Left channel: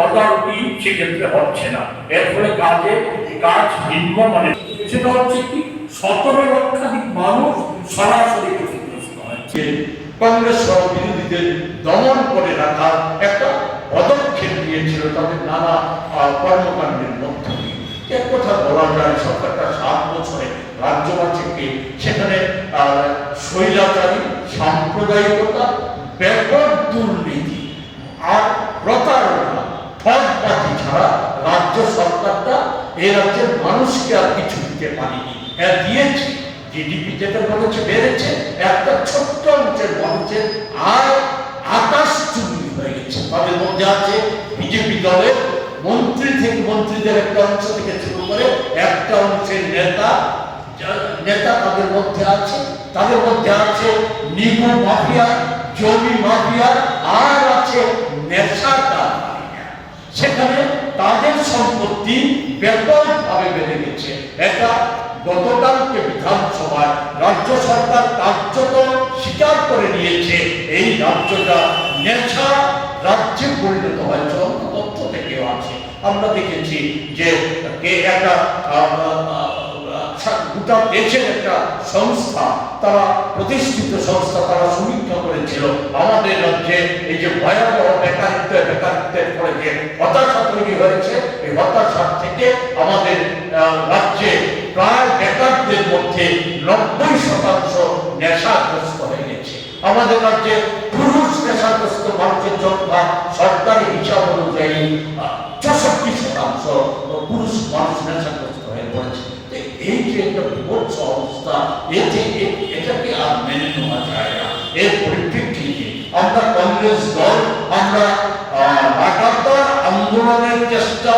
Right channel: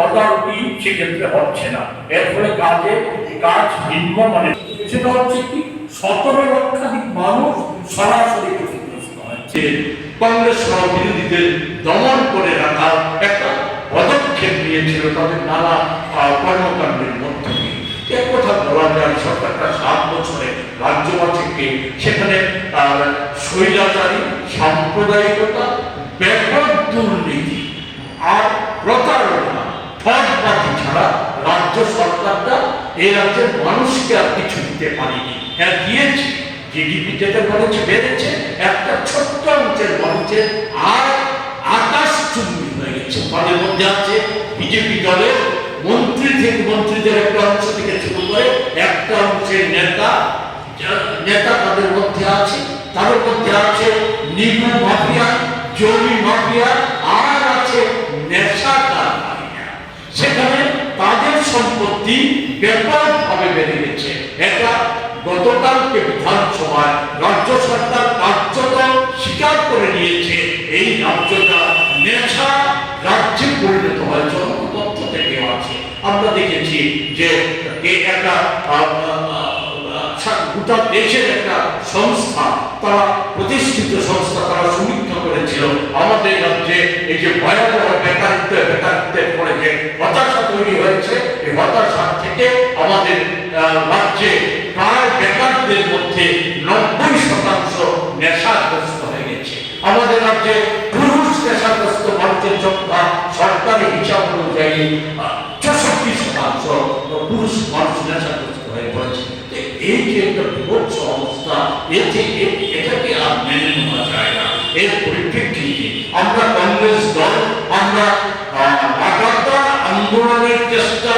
তদারকি সেক্ষেত্রে হচ্ছে না। এর ফলে কাজ নিম্নমানের। সেটা হচ্ছে কি 17 লক্ষাধিক মানুষ সরাসরি ক্ষতিগ্রস্ত হয়েছে। কংগ্রেস সহ বিরোধীদের দমন করে রাখার একটা পদক্ষেপ নিয়েছিল তাদের নানা কর্মকাণ্ডের মধ্য দিয়ে। এক কথা বলা যায় সরকারটা 7 বছরে রাজ্যসভা থেকে সেখানে স্বৈরাচারী সাম্প্রদায়িকতা, ব্যাপক দুর্নীতি আর প্রতারণা, ঠকবাজি ছাড়া রাজ্য সরকারটা এই রাজ্যের মানুষকে আর কিছু দিতে পারেনি। হ্যাঁ দিয়েছে, জিডিপি যেটা বলেছে বেড়েছে, একটা ছোট্ট অংশের মানুষের আয় আকাশচুম্বী হয়ে গেছে। তাদের মধ্যে আছে বিজেপি দলের মন্ত্রীদের একটা অংশ থেকে শুরু করে একটা অংশের নেতা তাদের মধ্যে আছে। তাদের মধ্যে আছে নিগু মাফিয়া, জমি মাফিয়া, আর আছে নেশাদার মাফিয়া। সেখানে তাদের সম্পত্তি ব্যাপকভাবে বেড়ে গেছে। এটা গতকালকে বিধানসভায় রাজ্য সরকার কার্যত স্বীকার করে নিয়েছে এই রাজ্যটা নেশা রাজ্যে পরিণত হয়েছে। তথ্য থেকেও আছে, আমরা দেখেছি যে একটা গোটা দেশের একটা সংস্থা, তারা প্রতিষ্ঠিত সংস্থা, তারা সমীক্ষা করেছিল আমাদের রাজ্যে এই যে ভয়াবহ বেকারত্বের পরে যে হতাশা তৈরি হয়েছে, এই হতাশা থেকে আমাদের রাজ্যে প্রায় বেকারদের মধ্যে 90% নেশাগ্রস্ত হয়ে গেছে। আমাদের রাজ্যে পুরুষ নেশাগ্রস্ত মানুষের সংখ্যা সরকারি হিসাব অনুযায়ী 64% পুরুষ মানুষ নেশাগ্রস্ত হয়ে পড়েছে। এই যে একটা বিভৎস অবস্থা, এটাকে আর মেনে নেওয়া যায় না। এর পরিপ্রেক্ষিতে আমরা কংগ্রেস দল আমরা লাগাতার আন্দোলনের চেষ্টা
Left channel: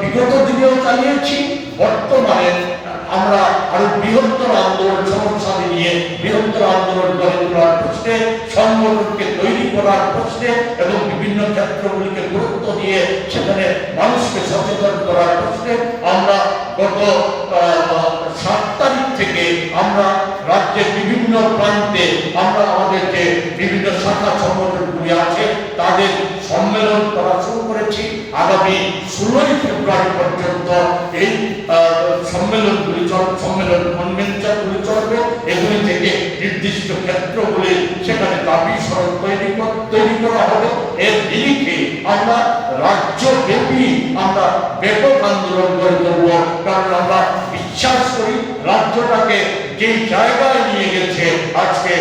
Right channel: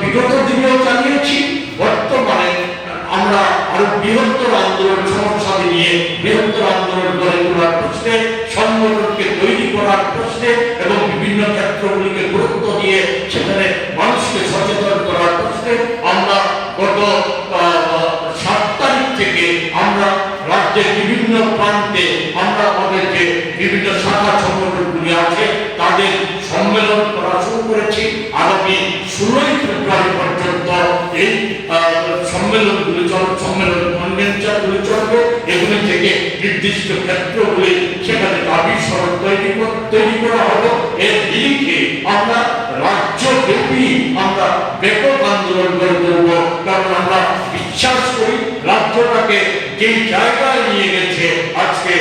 বিগত দিনেও চালিয়েছি। বর্তমানে আমরা আরো বৃহত্তর আন্দোলন সমস্যাদি নিয়ে বৃহত্তর আন্দোলন গড়ে তোলার প্রশ্নে, সংগঠনকে তৈরি করার প্রশ্নে এবং বিভিন্ন ক্ষেত্রগুলিকে গুরুত্ব দিয়ে সেখানে মানুষকে সচেতন করার প্রশ্নে আমরা গত 7 তারিখ থেকে আমরা রাজ্যের বিভিন্ন প্রান্তে আমরা আমাদের যে বিভিন্ন শাখা সংগঠনগুলি আছে তাদের সম্মেলন করা শুরু করেছি। আগামী 16 ফেব্রুয়ারি পর্যন্ত এই সম্মেলন কনভেনশনগুলি চলবে। এগুলি থেকে নির্দিষ্ট ক্ষেত্রগুলি সেখানে দাবি সড়ক তৈরি করা হবে। এর নিরিখে আমরা রাজ্যব্যাপী আমরা ব্যাপক আন্দোলন গড়ে তুলব। কারণ আমরা বিশ্বাস করি রাজ্যটাকে যেই জায়গায় নিয়ে গেছে আজকে